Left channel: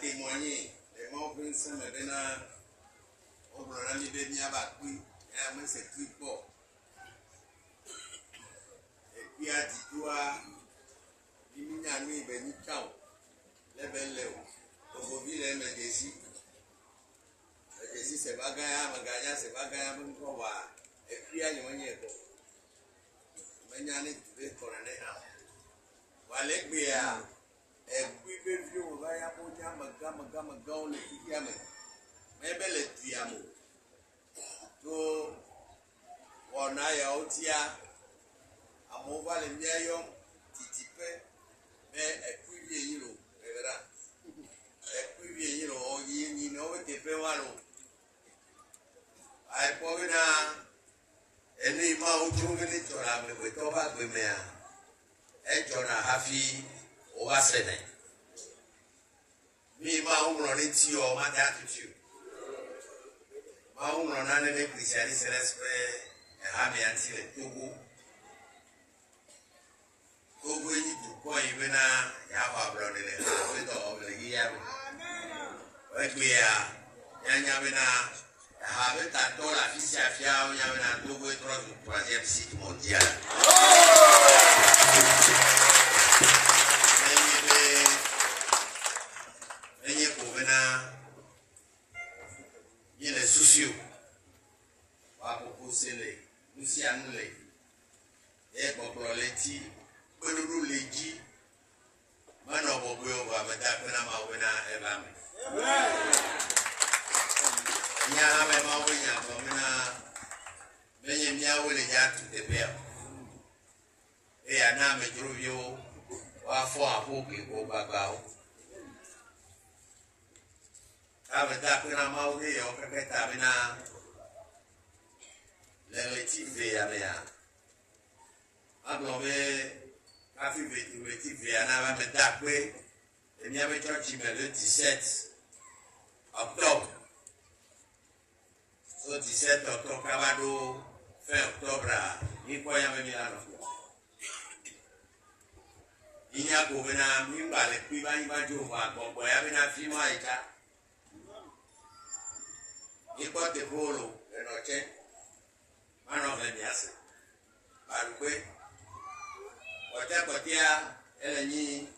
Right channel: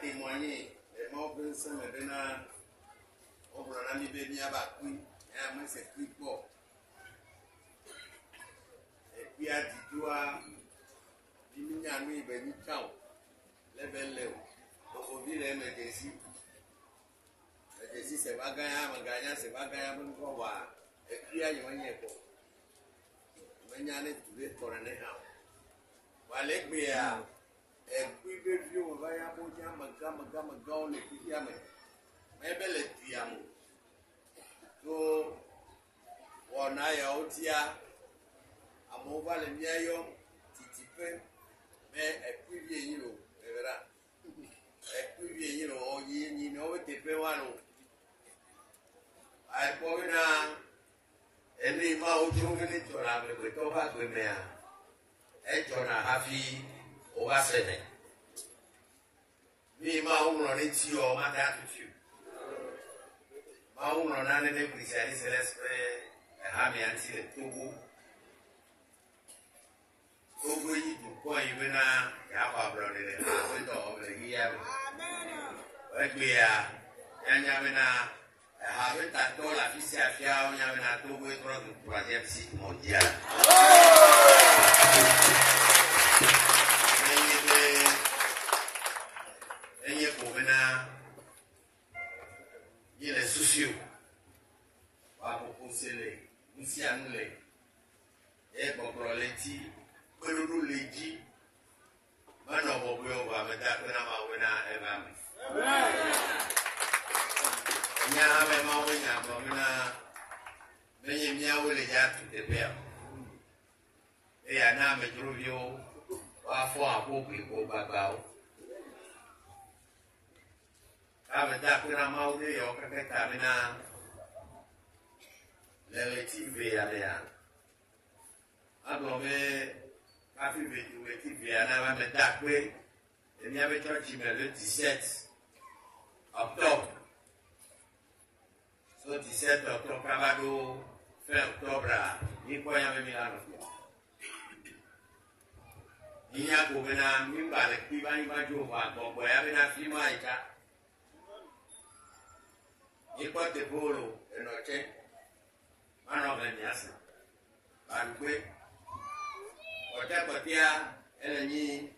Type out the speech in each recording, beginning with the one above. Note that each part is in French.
Témoigner les morts que nous sommes maintenant au Brunei Béni à Bakui et à moi c'est plus fort et puis à Ditoua Bimina nous Béni Kao les belles léo au ville et mes décis c'est pas gagnant mais gagnant c'est pas gagnant même quoi voir et puis à Yomania quoi mais n'y a n'est tous les colonels voilà que bien et puis vieux on va y avoir maga on le dit à mais belle est diamo to on a ya otia amova le miayom titipe mais et puis vieux yiro verra et puis vieux yiro o yi no te pe walo ai poi na eni ma o jungene tora me to ba be me e jona hafi o wa sene mi ma uno ne ti o ma da tu ma uno na ne cristiani celeste e ha mi anti le togo yi tu ko yi na ya ba bro de le we do le yi ya we gbe ya nya me na ha be ta do la fi sia fia o nya me na togo e tro du troisième cycle mondial il est soucieux. Va proposer les nous annulés. Et pour les ti, pour nous les dit, maintenant on va mettre à peine à ma ouena et la main. Il y a un même ouena, mais il y a où les gens tout est bien. Et un âme est trop vieux, va faire un peu de babao. Avec ta pena maudit, on peut mettre à mena les types véanéa. Alors, mais, quand tu veux trouver les types véanéa, on va mettre à peu, et il y avait le 17 octobre. Le 17 octobre, Cabado, fin octobre, il faut y avoir mis à l'office. Il y a pour venir, il va les cuivres, il va jouer, bon, il y a un film à l'état. Il porte le polo et notre manon venias. Baroué. Ota kotia eleni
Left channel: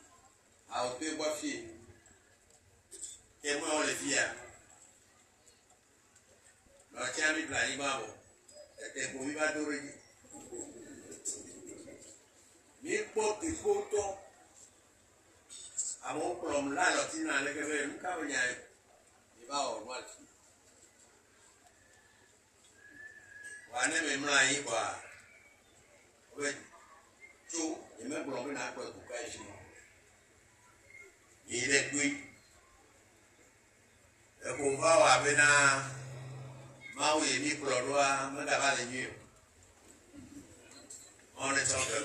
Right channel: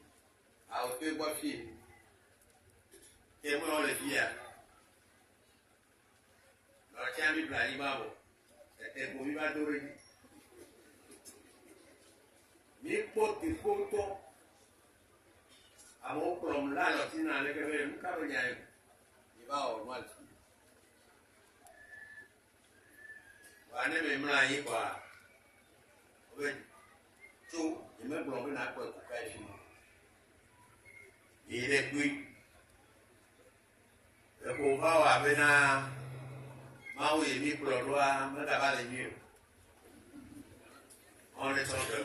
a ope bofi. Et moi on le via. Notre ami Blani Babo. Et pour lui va doré. Mi porte le photo. A mon plomb là, l'otina avec le cabanya. Il va au mal. Wane me mla yi kwa we tu e me blon be na kwa ku ka shi mo ile gui e ko va wa be na ma o ye ni blon wa me da ba le ni on est en train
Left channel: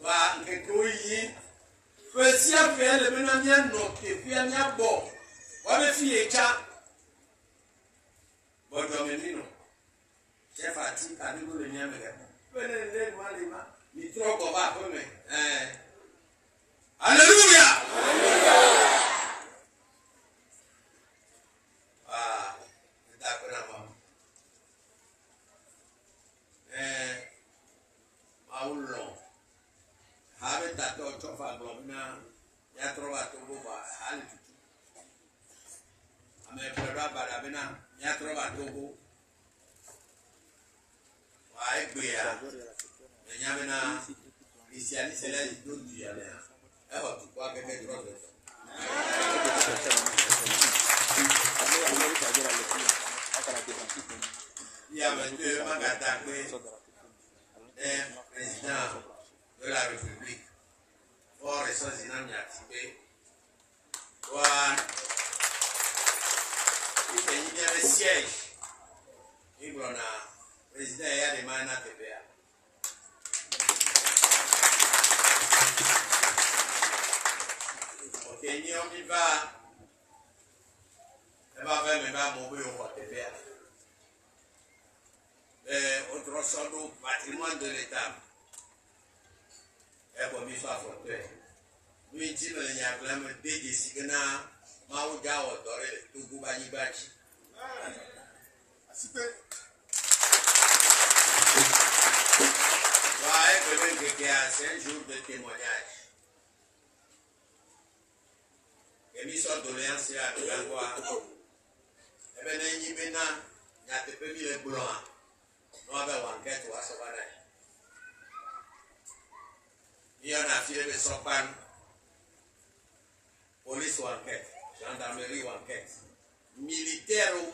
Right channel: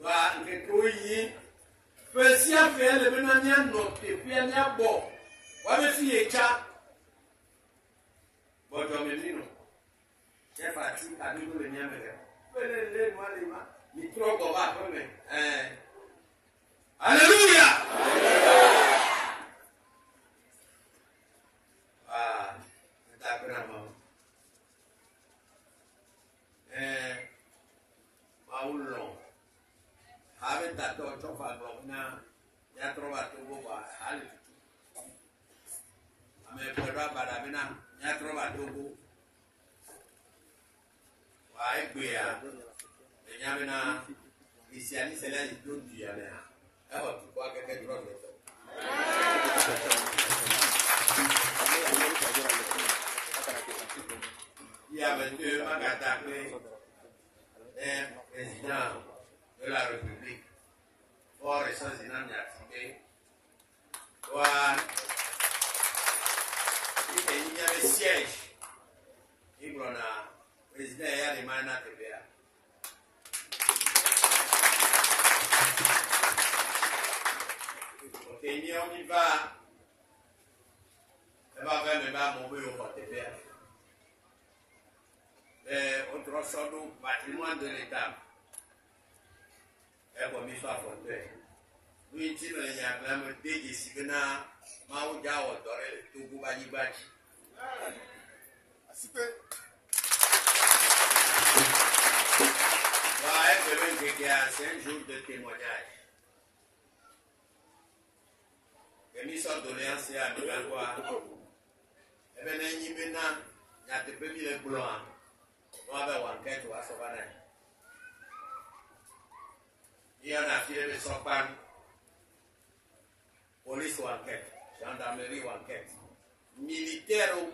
wa nke ko yi fe si a fe le be na nya no ke fi anya bo wa be fi e cha Menino, c'est fatigué, à nous le niamer. Venez, moi, les mains, ni trop qu'on va, alléluia! Ah, c'est d'accord, maman. maulon habe tato chofa globina ya trova togo ba hali tutu ame pedra badabina ya trova togo wa egbe ya enyamina isiani sele don tu ya na e ho tu kwa keke drop to ya monsieur Magata est président de la République pour les choses inactivées. Il y a des sièges. Il y a le président et il y a des mains TVA. Ok, on y va. On va faire mes mobile au TVA. Autre sorte de patrimoine de l'État. Et comme il soit fortuit. Nous, il dit que nous avons des décisions. Nous avons des Togo Balibachi. C'est un jour de témoignage. Et nous sommes doléances à nous avoir. Et bien, nous avons des les blancs. Nous avons une enquête à Savannah. Il y en a tiré de Sopan, police ou enquête, gendarmerie ou enquête, militaire ou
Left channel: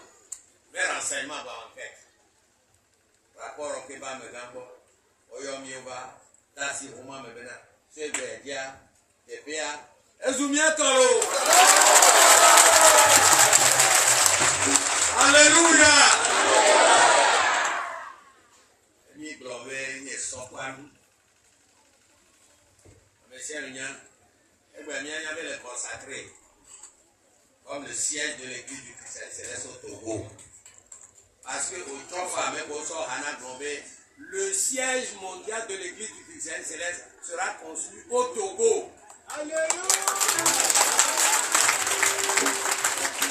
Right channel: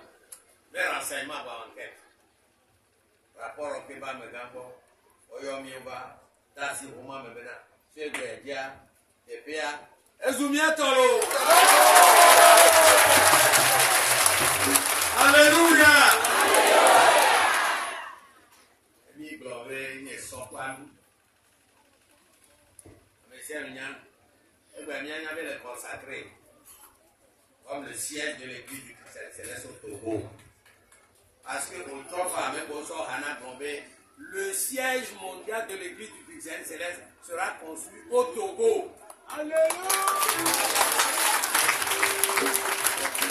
mais renseignement ou enquête. Rapport au Keba Megambo, Oyomiuba, Tassi Rouma Mebena, Segedia, Epea, Ezumia Toro. Alléluia! Il avait le consacré comme le siège de l'église du Christ Céleste au Togo. Parce que au Tofa, le siège mondial de l'église du Christ Céleste sera construit au Togo. Alléluia!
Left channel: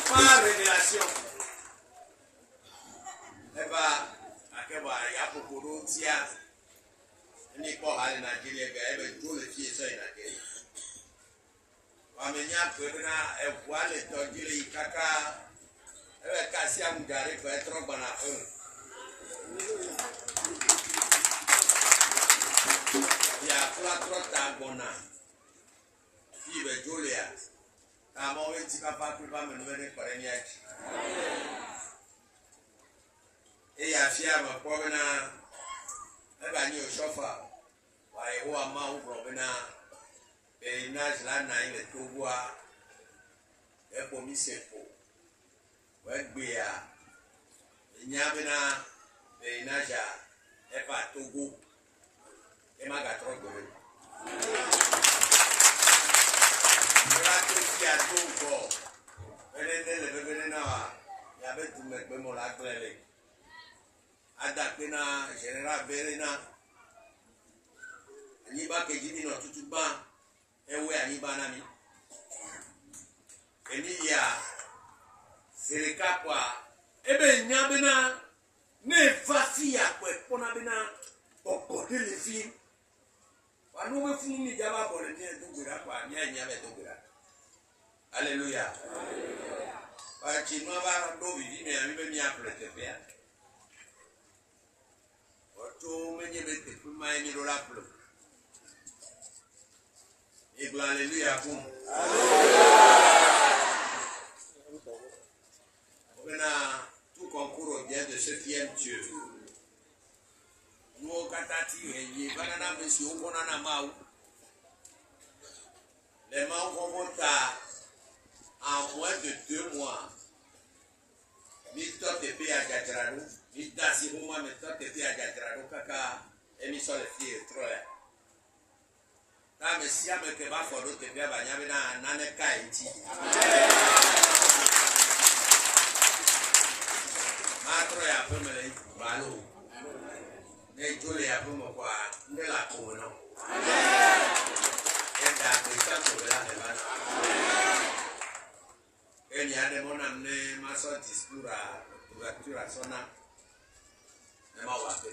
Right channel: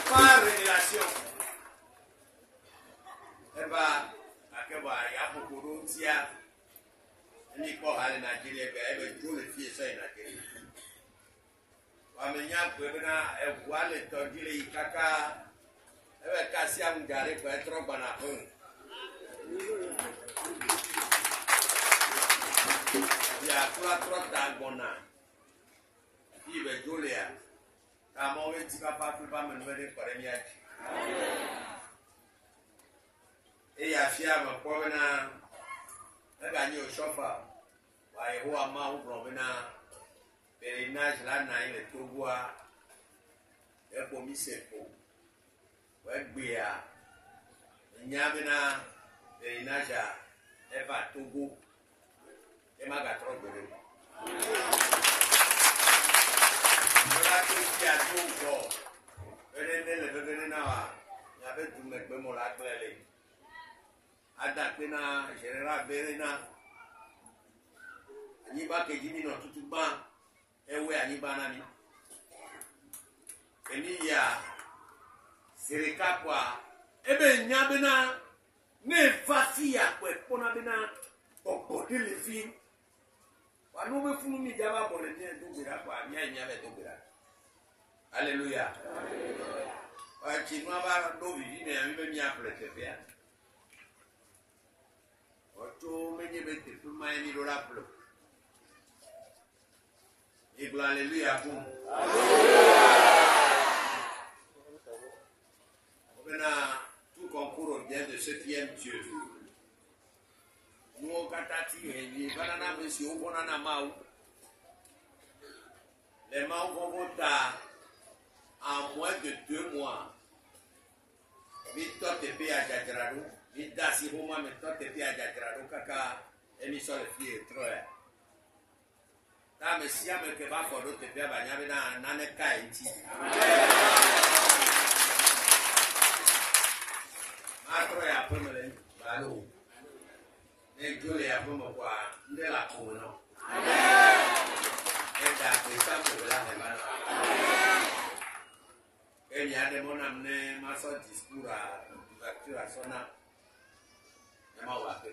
Par révélation. Et bah, il y a beaucoup d'autres. Il n'y a pas de Nigeria, il y a tous les pieds sur Nigeria. Amenya pwebena wale tojile ikaka ewe kasi ya mgari kwa etro banafun ya kula trota gbona ibe jolia kama we tika pa pa menwele kore ni aji e ya fia ma pwebena ega ni o shofa wa yehowa ma u pwebena Périnage là, il est tout bois. Et pour m'y c'est faux. Ouais, Béa. Il n'y a pas de périnage à Eva Togo. Et ma gâteau de l'eau. Voilà tout qui a tout bon. Venez, là. Il y avait tout le monde qui m'a appelé. Adapena, général Verena. Il n'y a pas que Jimmy dans tout le monde. Ewe anibanami eniya sereka kwa ebe nyabena ne fasi ya kwe pona bena okote le fi wanu me funu mi jaba bole ne dogbera kwa nya nyabe dogbera. Alléluia. Wa chinwa ba do vivi me ami be mi aprete pe oto menye be te puma emi do la plo. Et alléluia pour tout concours au bien de ceux qui aiment Dieu. Nous au Katati, banana monsieur, on a maou. Les maous vont monter en moins de 2 mois. Mito te pe a Gajarado, Midasi Roma, mito te pe a Gajarado, Kaka, émission les filles, troya. Na mesia me ke ba fodo te bia banya be na nane kai nti ma tro ya pe mele balo ne jole ya pe mo kwa nde la ko no e da ko sa ko la ne ba no e ni ade mo na ne ma so discours a sona e ma wa pe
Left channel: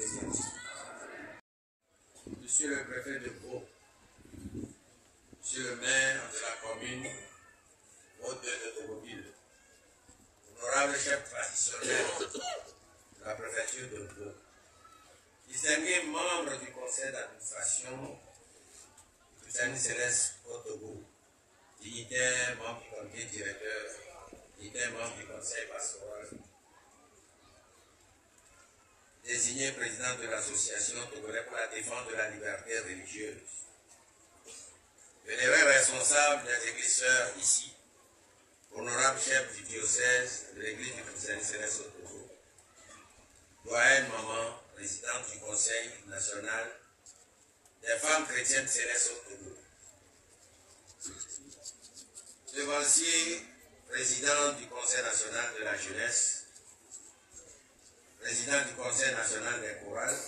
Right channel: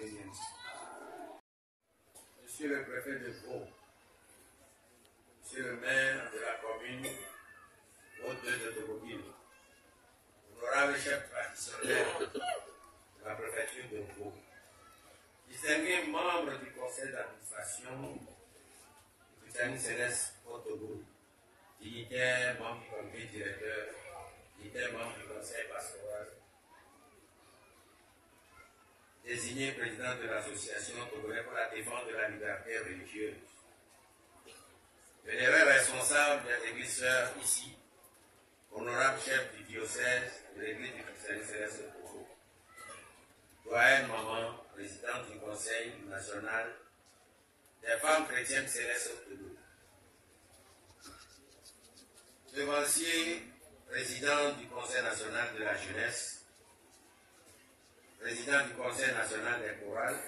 ni Monsieur le préfet de Vaud, Monsieur le maire de la commune Haute de Tocqueville, honorable chef traditionnel de la préfecture de Vaud, distingués membres du conseil d'administration du Christianisme Céleste au Togo, dignitaires, membres du comité directeur, dignitaires, membres du conseil pastoral, désigné président de l'association togolaise pour la défense de la liberté religieuse, vénéré responsable des églises sœurs ici, honorable chef du diocèse de l'église du Christianisme Céleste au Togo, doyenne maman, présidente du conseil national des femmes chrétiennes célestes au Togo, devancier, président du conseil national de la jeunesse, président du conseil national des chorales,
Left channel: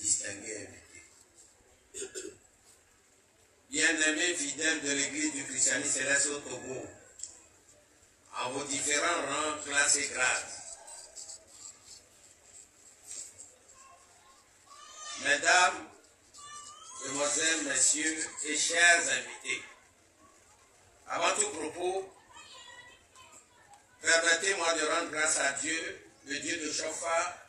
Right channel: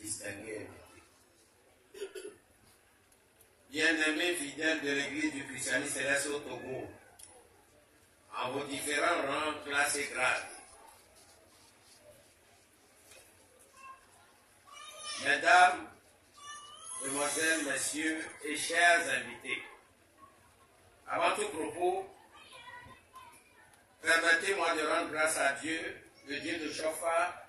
distingué invité. Bien-aimés fidèles de l'église du Christianisme Céleste au Togo, en vos différents rangs, classes et grades, mesdames, demoiselles, messieurs et chers invités, avant tout propos, permettez-moi de rendre grâce à Dieu, le Dieu de Chofa,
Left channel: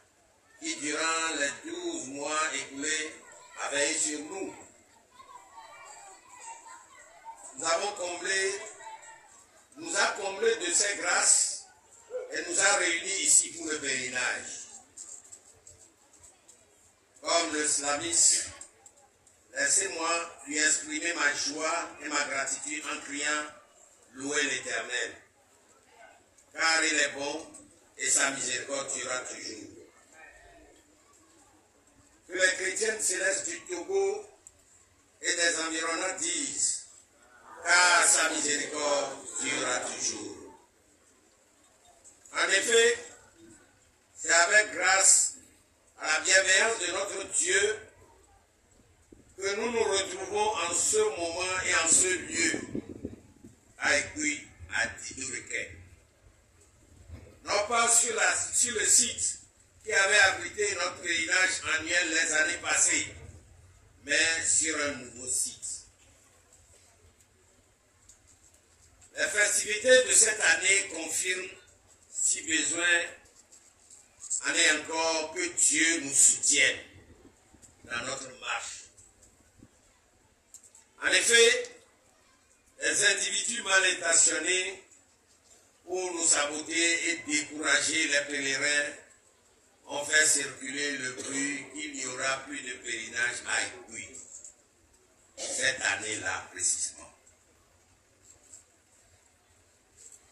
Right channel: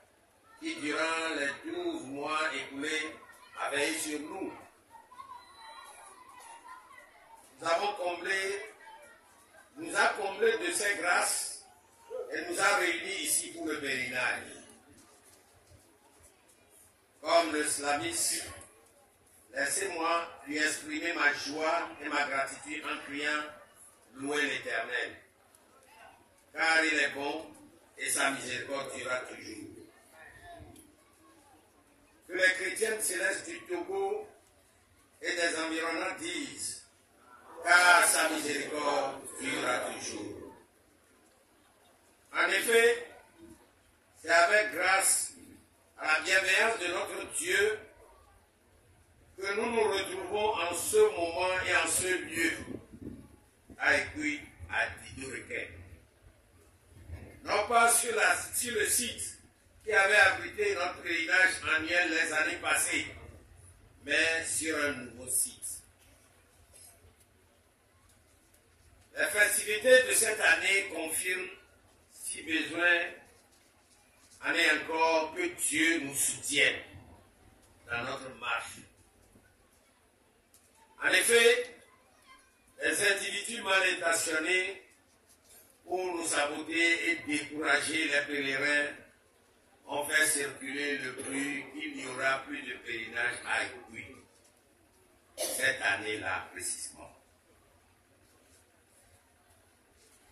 qui durant les 12 mois écoulés a veillé sur nous. Nous a comblé de ses grâces et nous a réunis ici pour le pèlerinage. Comme le slamiste, laissez-moi lui exprimer ma joie et ma gratitude en criant « Louez l'Éternel » car il est bon et sa miséricorde durera toujours. Que les chrétiennes célestes du Togo et des environnants disent, car sa miséricorde durera toujours. En effet, c'est avec grâce à la bienveillance de notre Dieu que nous nous retrouvons en ce moment et en ce lieu, à Écuy, à Didoureké. Non pas sur le site qui avait abrité notre pèlerinage annuel les années passées, mais sur un nouveau site. Les festivités de cette année confirment, si besoin, année encore, que Dieu nous soutienne dans notre marche. En effet, les individus mal intentionnés pour nous saboter et décourager les pèlerins ont fait circuler le bruit qu'il n'y aura plus de pèlerinage à Écuy cette année-là précisément.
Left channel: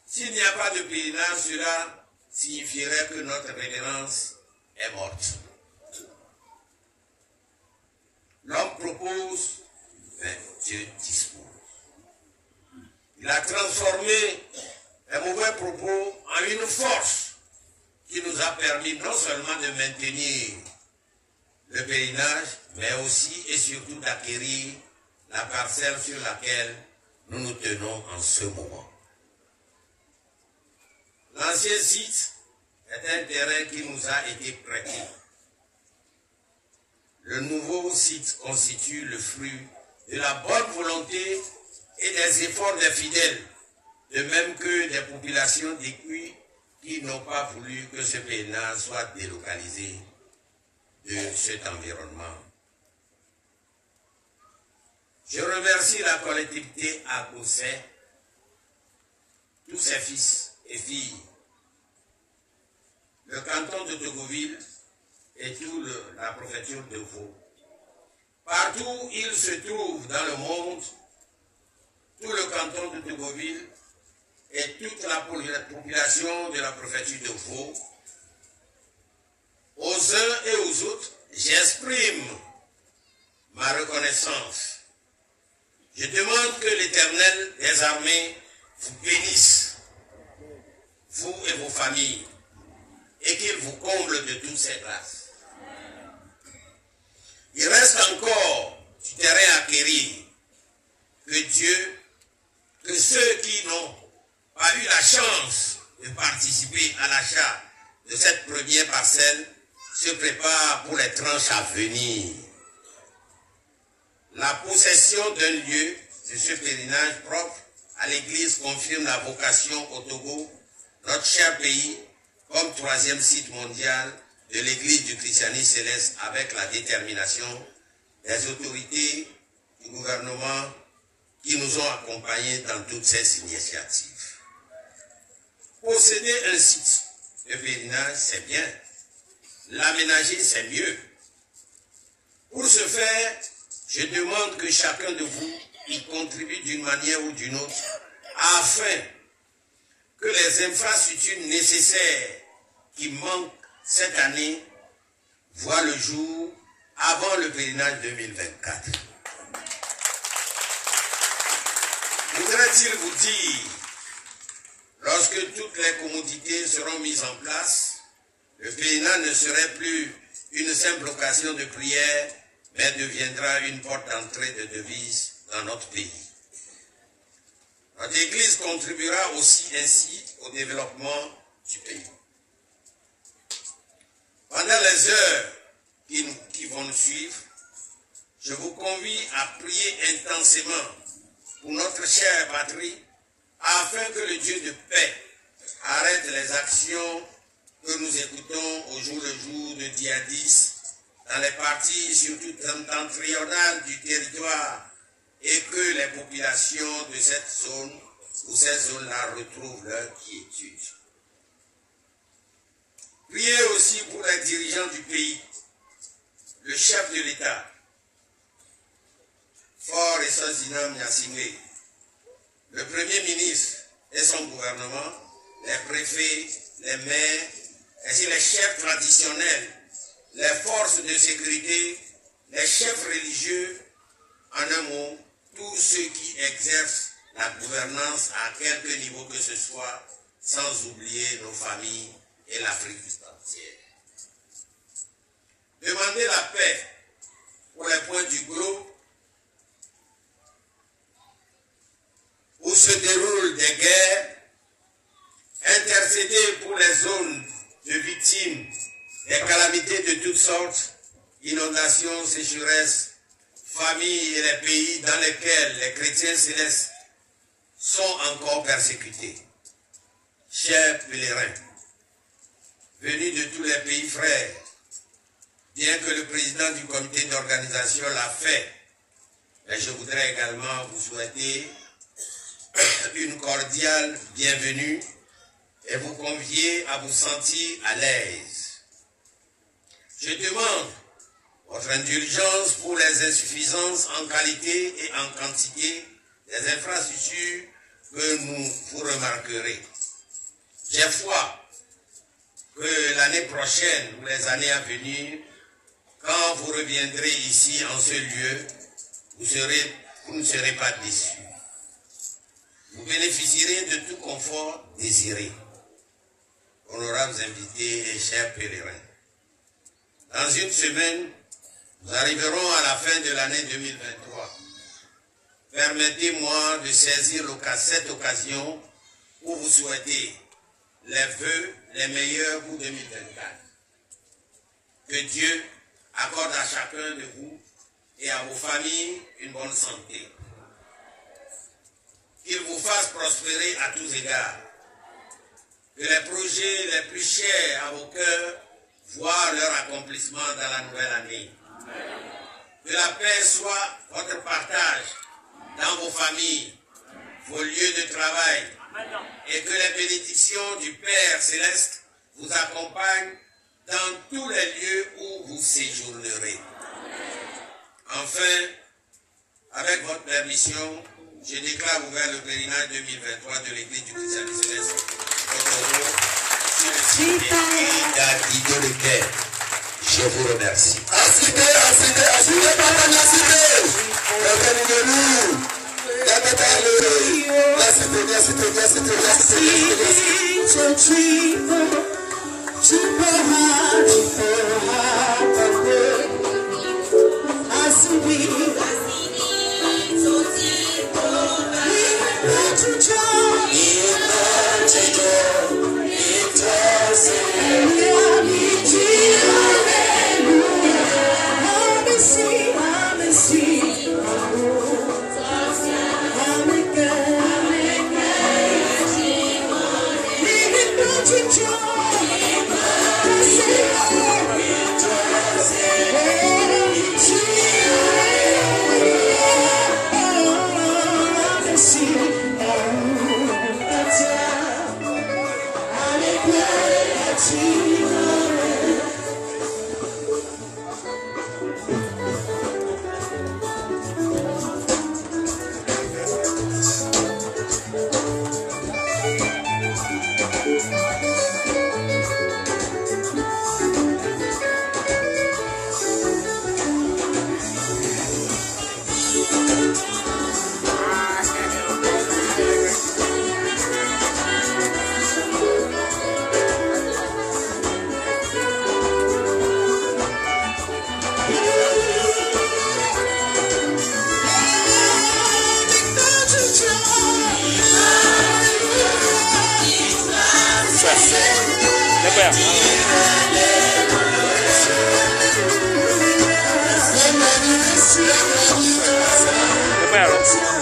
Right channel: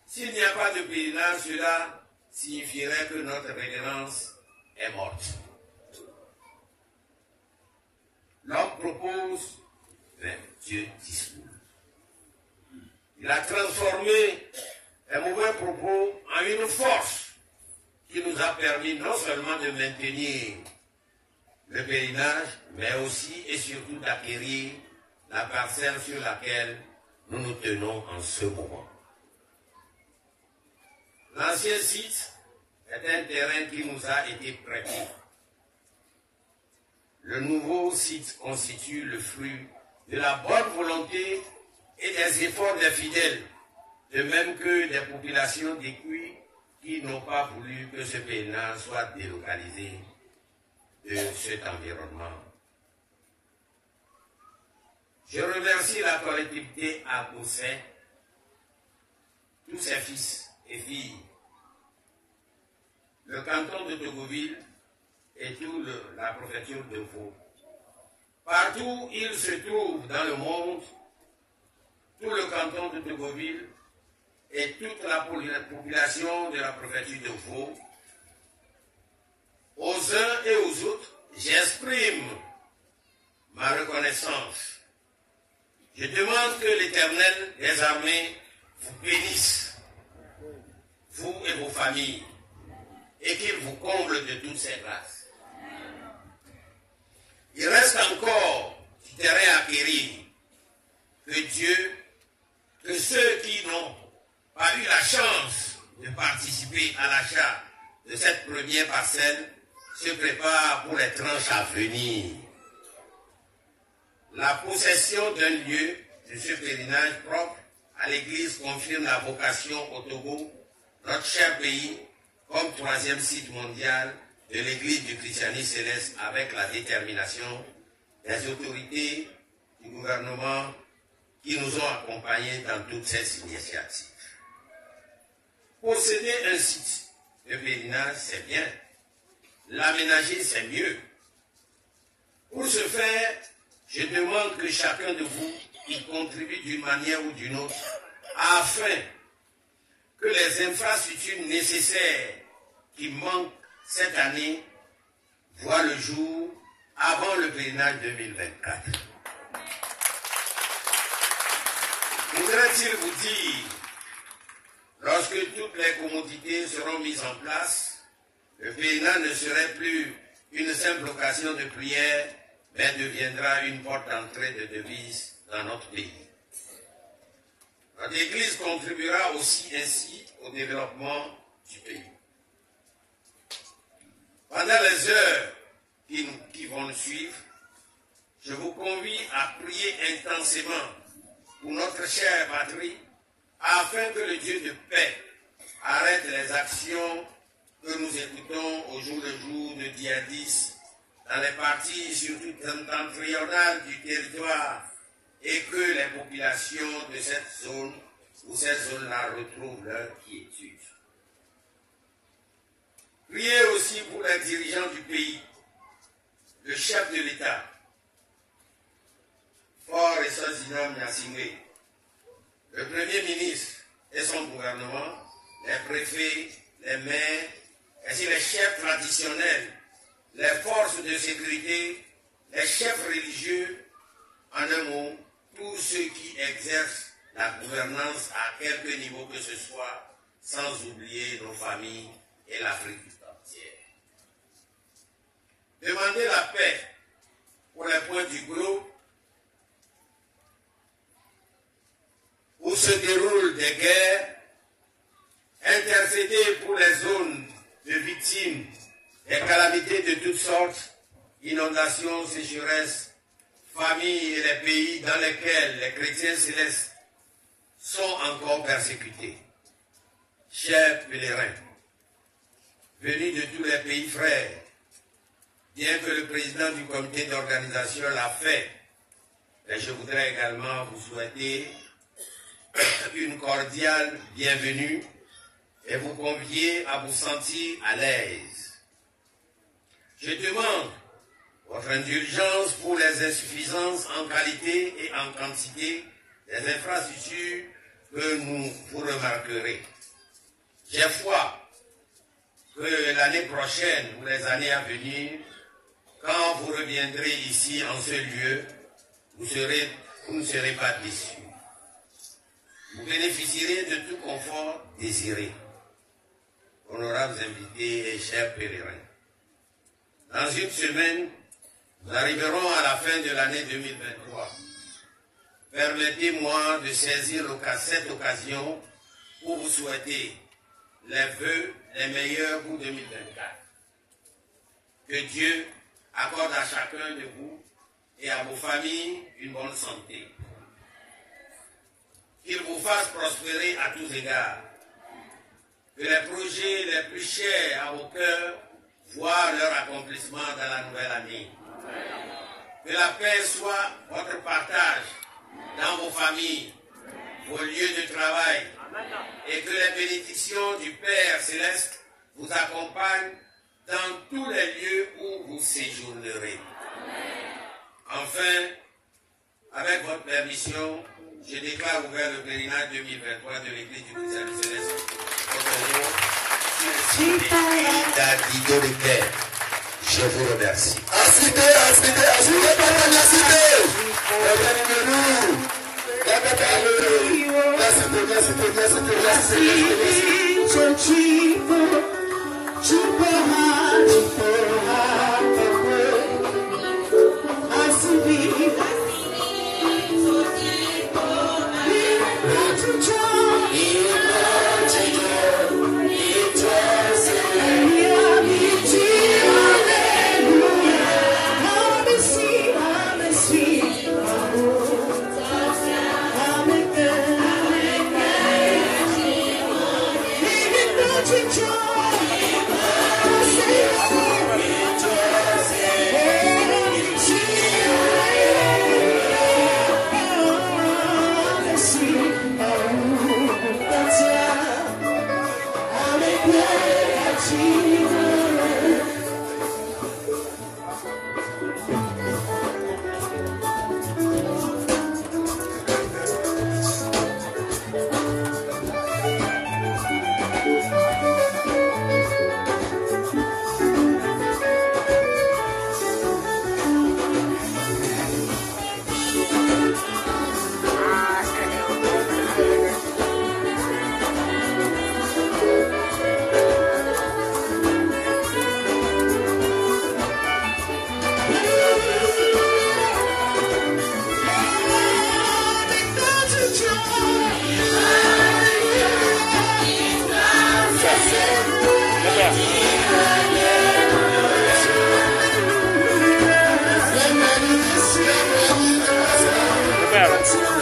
S'il n'y a pas de pèlerinage, cela signifierait que notre révérence est morte. L'homme propose, mais Dieu dispose. Il a transformé les mauvais propos en une force qui nous a permis non seulement de maintenir le pèlerinage, mais aussi et surtout d'acquérir la parcelle sur laquelle nous nous tenons en ce moment. L'ancien site est un terrain qui nous a été prêté. Le nouveau site constitue le fruit de la bonne volonté et des efforts des fidèles, de même que des populations d'Écuy qui n'ont pas voulu que ce pèlerinage soit délocalisé de cet environnement. Je remercie la collectivité à Gousset, tous ses fils et filles, le canton de Tocqueville et toute la préfecture de Vaud. Partout où ils se trouvent dans le monde, tout le canton de Tocqueville et toute la population de la préfecture de Vaud, aux uns et aux autres, j'exprime ma reconnaissance. Je demande que l'Éternel des armées vous bénisse, vous et vos familles, et qu'il vous comble de toutes ses grâces. Il reste encore du terrain à acquérir, que ceux qui n'ont pas eu la chance de participer à l'achat de cette première parcelle se préparent pour les tranches à venir. La possession d'un lieu de ce pèlerinage propre à l'Église confirme la vocation au Togo, notre cher pays, comme troisième site mondial de l'Église du christianisme céleste, avec la détermination des autorités du gouvernement qui nous ont accompagnés dans toutes ces initiatives. Posséder un site de pèlerinage, c'est bien. L'aménager, c'est mieux. Pour ce faire, je demande que chacun de vous y contribue d'une manière ou d'une autre afin que les infrastructures nécessaires qui manquent cette année voient le jour avant le pèlerinage 2024. Voudrait-il vous dire, lorsque toutes les commodités seront mises en place, le pèlerinage ne serait plus une simple occasion de prière, mais deviendra une porte d'entrée de devises dans notre pays. Notre Église contribuera aussi ainsi au développement du pays. Pendant les heures qui vont nous suivre, je vous convie à prier intensément pour notre chère patrie, afin que le Dieu de paix arrête les actions que nous écoutons au jour le jour de djihadistes dans les parties surtout septentrionales du territoire et que les populations de cette zone ou ces zones-là retrouvent leur quiétude. Priez aussi pour les dirigeants du pays, le chef de l'État, Fort et Sozinam Nassimé, le Premier ministre et son gouvernement, les préfets, les maires, ainsi les chefs traditionnels, les forces de sécurité, les chefs religieux, en un mot, tous ceux qui exercent la gouvernance à quelque niveau que ce soit, sans oublier nos familles et l'Afrique entière. Demandez la paix pour les points du globe où se déroulent des guerres, intercéder pour les zones de victimes des calamités de toutes sortes, inondations, sécheresses, familles et les pays dans lesquels les chrétiens célestes sont encore persécutés. Chers pèlerins, venus de tous les pays frères, bien que le président du comité d'organisation l'a fait, mais je voudrais également vous souhaiter une cordiale bienvenue et vous convier à vous sentir à l'aise. Je demande votre indulgence pour les insuffisances en qualité et en quantité des infrastructures que vous remarquerez. J'ai foi que l'année prochaine ou les années à venir, quand vous reviendrez ici en ce lieu, vous ne serez pas déçus. Vous bénéficierez de tout confort désiré. Honorables invités et chers pèlerins, dans une semaine, nous arriverons à la fin de l'année 2023. Permettez-moi de saisir cette occasion pour vous souhaiter les vœux les meilleurs pour 2024. Que Dieu accorde à chacun de vous et à vos familles une bonne santé. Qu'il vous fasse prospérer à tous égards. Que les projets les plus chers à vos cœurs voient leur accomplissement dans la nouvelle année. Que la paix soit votre partage dans vos familles, vos lieux de travail, et que les bénédictions du Père Céleste vous accompagnent dans tous les lieux où vous séjournerez. Enfin, avec votre permission, je déclare ouvert le pèlerinage 2023 de l'Église du christianisme céleste au Togo sur le site d'Adido de Quai. Je vous remercie. Preparo.